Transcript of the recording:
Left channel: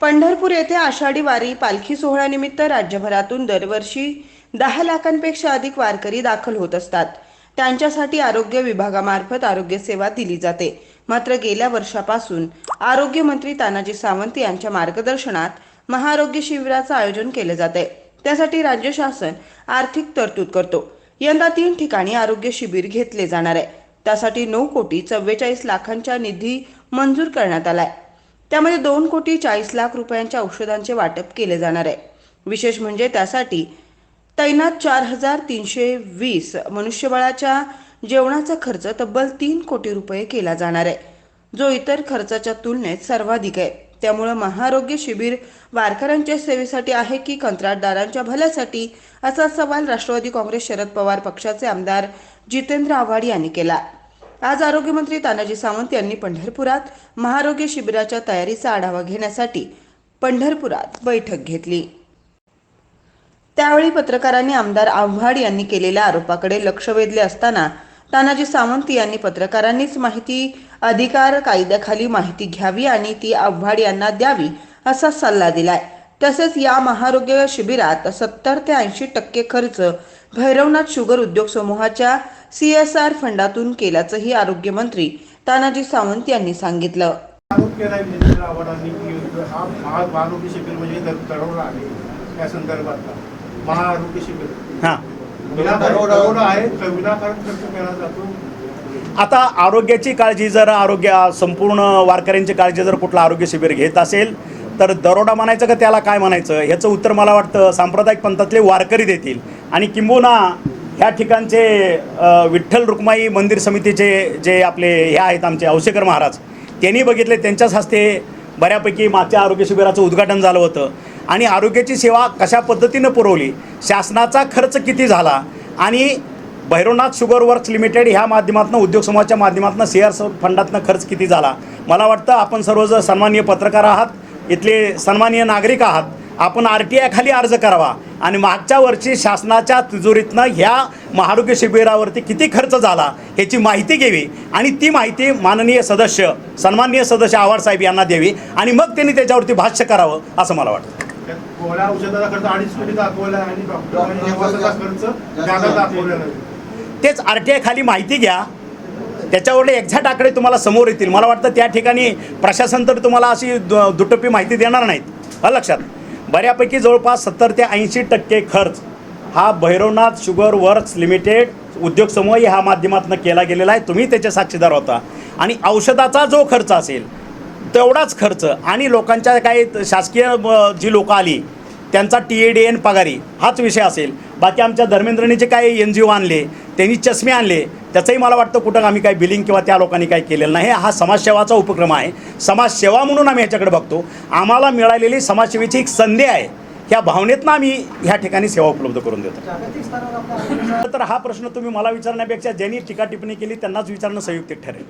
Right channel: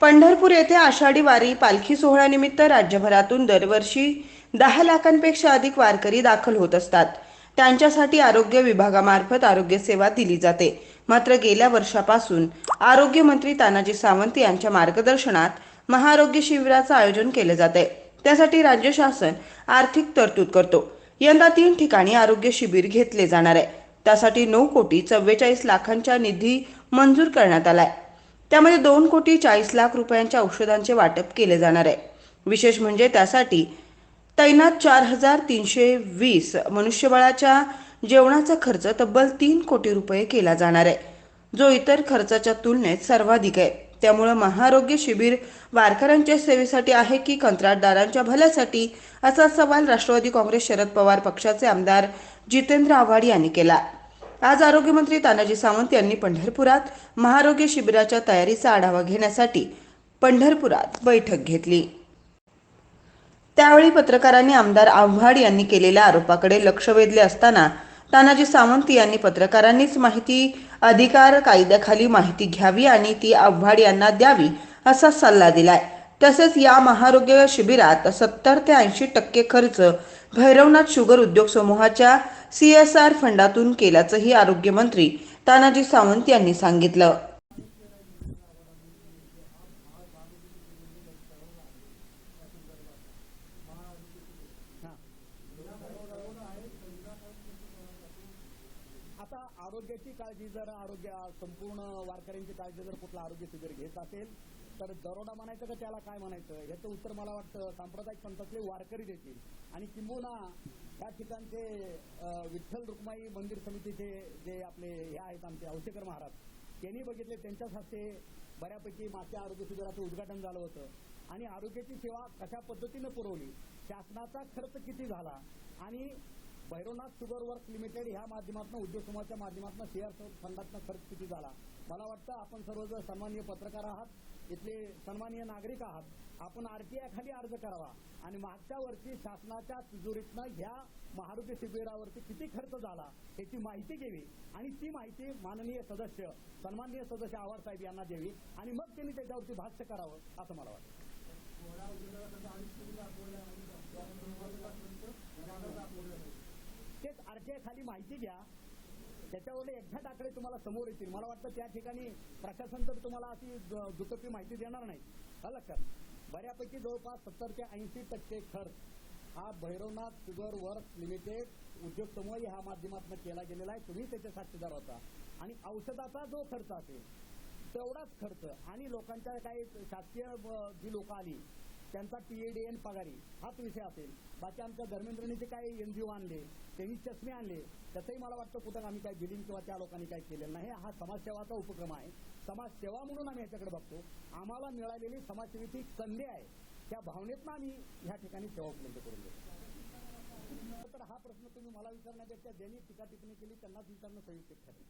पंढरपूर येथे आषाढी वारी पालखी सोहळ्यानिमित्त राज्यभरातून दरवर्षी दहा लाखांपेक्षा अधिक वारकरी दाखल होत असतात. त्यांच्यासाठी आरोग्य विभागामार्फत आरोग्य सेवा दिली जाते. मात्र गेल्या वर्षापासून आरोग्यमंत्री तानाजी सावंत यांच्या मार्गदर्शनात महाआरोग्य शिबिराचं आयोजन केले जाते त्यासाठी राज्य शासन आर्थिक तरतूद करतो. यंदा तीन ठिकाणी आरोग्य शिबिर घेतले जाणार आहे. त्यासाठी नऊ कोटी चव्वेचाळीस लाखांचा निधी मंजूर करण्यात आलाय. त्यामध्ये दोन कोटी चाळीस लाख रुपयांच्या औषधांचे वाटप केले जाणार आहे. विशेष म्हणजे त्यासाठी तैनात चार हजार तीनशे वीस मनुष्यबळाच्या जेवणाचा खर्च तब्बल तीन कोटी रुपये केला जाणार आहे. जो इतर खर्चाच्या तुलनेत सर्वाधिक आहे. त्यामुळं महाआरोग्य शिबिर वारकऱ्यांच्या सेवेसाठी आहे की कंत्राटदारांच्या भल्यासाठी? असा सवाल राष्ट्रवादी काँग्रेस शरद पवार पक्षाचे आमदार जितेंद्र आव्हाड यांनी केला. आज आरोग्यमंत्री तानाजी सावंत यांनी पंढरपुरात महारोग्य शिबिराच्या तयारीचा आढावा घेण्यासाठी पंढरपुरात बैठक घेतली. त्यावेळी पत्रकारांनी आमदार आव्हाड यांनी केलेल्या आरोपाकडे लक्ष वेधले असताना तानाजी सावंत यांनी पत्रकारांनीच माहिती अधिकार कायद्याखाली माहिती घ्यावी आणि ती आव्हाड यांना द्यावी असा सल्ला दिलाय. तसेच या महारोग्य शिबिरात सत्तर ते ऐंशी टक्के खर्च भैरवनाथ शुगर उद्योग समूहाच्या सी एस आर फंडातून केल्याचंही आरोग्यमंत्री तानाजी सावंत यांनी सांगितलं. हा म्हणजे हां. आता आरोग्याची काळजी जर आरोग्य संपूर्ण वारकऱ्यांची काळजी जर कुठलं आरोग्य शिबिर घेत असेल तर दरोडा म्हणायचं का त्याला काय म्हणायचं? ह्याचं उत्तर मला वाटतं सांप्रदायिक पंथातले वारकरी देतील. आणि किंबहुना ह्या ठिकाणचे विठ्ठल रुक्माई मंदिर समितीचे जे आपले हे आहेत आमचे औसेकर महाराज त्यांनी बघितले त्यांच्याच हस्ते बऱ्यापैकी मागच्या आरोग्य शिबिराचं उद्घाटन झालं होतं. आणि आरोग्याची सेवा कशा पद्धतीनं पुरवली शासनाचा खर्च किती झाला आणि भैरवनाथ शुगर वर्क्स लिमिटेड ह्या माध्यमातून उद्योग समूहाच्या माध्यमातून शेअर फंडातनं खर्च किती झाला? मला वाटतं आपण सर्वजण सन्माननीय पत्रकार आहात इथले सन्माननीय नागरिक आहात. आपण आर टी आयखाली अर्ज करावा. आणि मागच्या वर्षी शासनाच्या तिजोरीतनं ह्या महाआरोग्य शिबिरावरती किती खर्च झाला ह्याची माहिती घ्यावी. आणि ती माहिती माननीय सदस्य सन्माननीय सदस्य आव्हाड साहेब यांना द्यावी. आणि मग त्यांनी त्याच्यावरती भाष्य करावं असं मला वाटतं. त्यात गोळ्या औषधाचा खर्च अडीच कोटी दाखवला आहे आणि डॉक्टरांनी निवासाचा खर्च जादा दाखवलेला आहे. तेच आर टी आय खाली माहिती घ्या. त्याच्यावरले एक्झॅक्ट आकडे तुम्हाला समोर येतील. मला वाटतं त्या ठिकाणी प्रशासन तर तुम्हाला अशी दु- दुटप्पी माहिती देणार नाहीत. हा लक्षात? बऱ्यापैकी जवळपास सत्तर ते ऐंशी टक्के खर्च हा भैरवनाथ शुगर वर्क्स लिमिटेड उद्योग समूह ह्या माध्यमातून केला गेलेला आहे. तुम्ही त्याचे साक्षीदार होता. आणि औषधाचा जो खर्च असेल तेवढाच खर्च आणि लोकांच्या काही शासकीय जी लोकं आली त्यांचा टी ए डी एन पगारी हाच विषय असेल. बाकी आमच्या धर्मेंद्रने जे काही एन जी ओ आणले त्यांनी चष्मे आणले त्याचंही मला वाटतं कुठं आम्ही काही बिलिंग किंवा त्या लोकांनी काही केलेलं नाही. हा समाजसेवाचा उपक्रम आहे. समाजसेवा म्हणून आम्ही ह्याच्याकडे बघतो. आम्हाला मिळालेली समाजसेवेची एक संधी आहे. ह्या भावनेतनं आम्ही ह्या ठिकाणी सेवा उपलब्ध करून देतो. तर हा प्रश्न तुम्ही मला विचारण्यापेक्षा ज्यांनी टीका टिप्पणी केली त्यांनाच विचारणं संयुक्तिक ठरेल.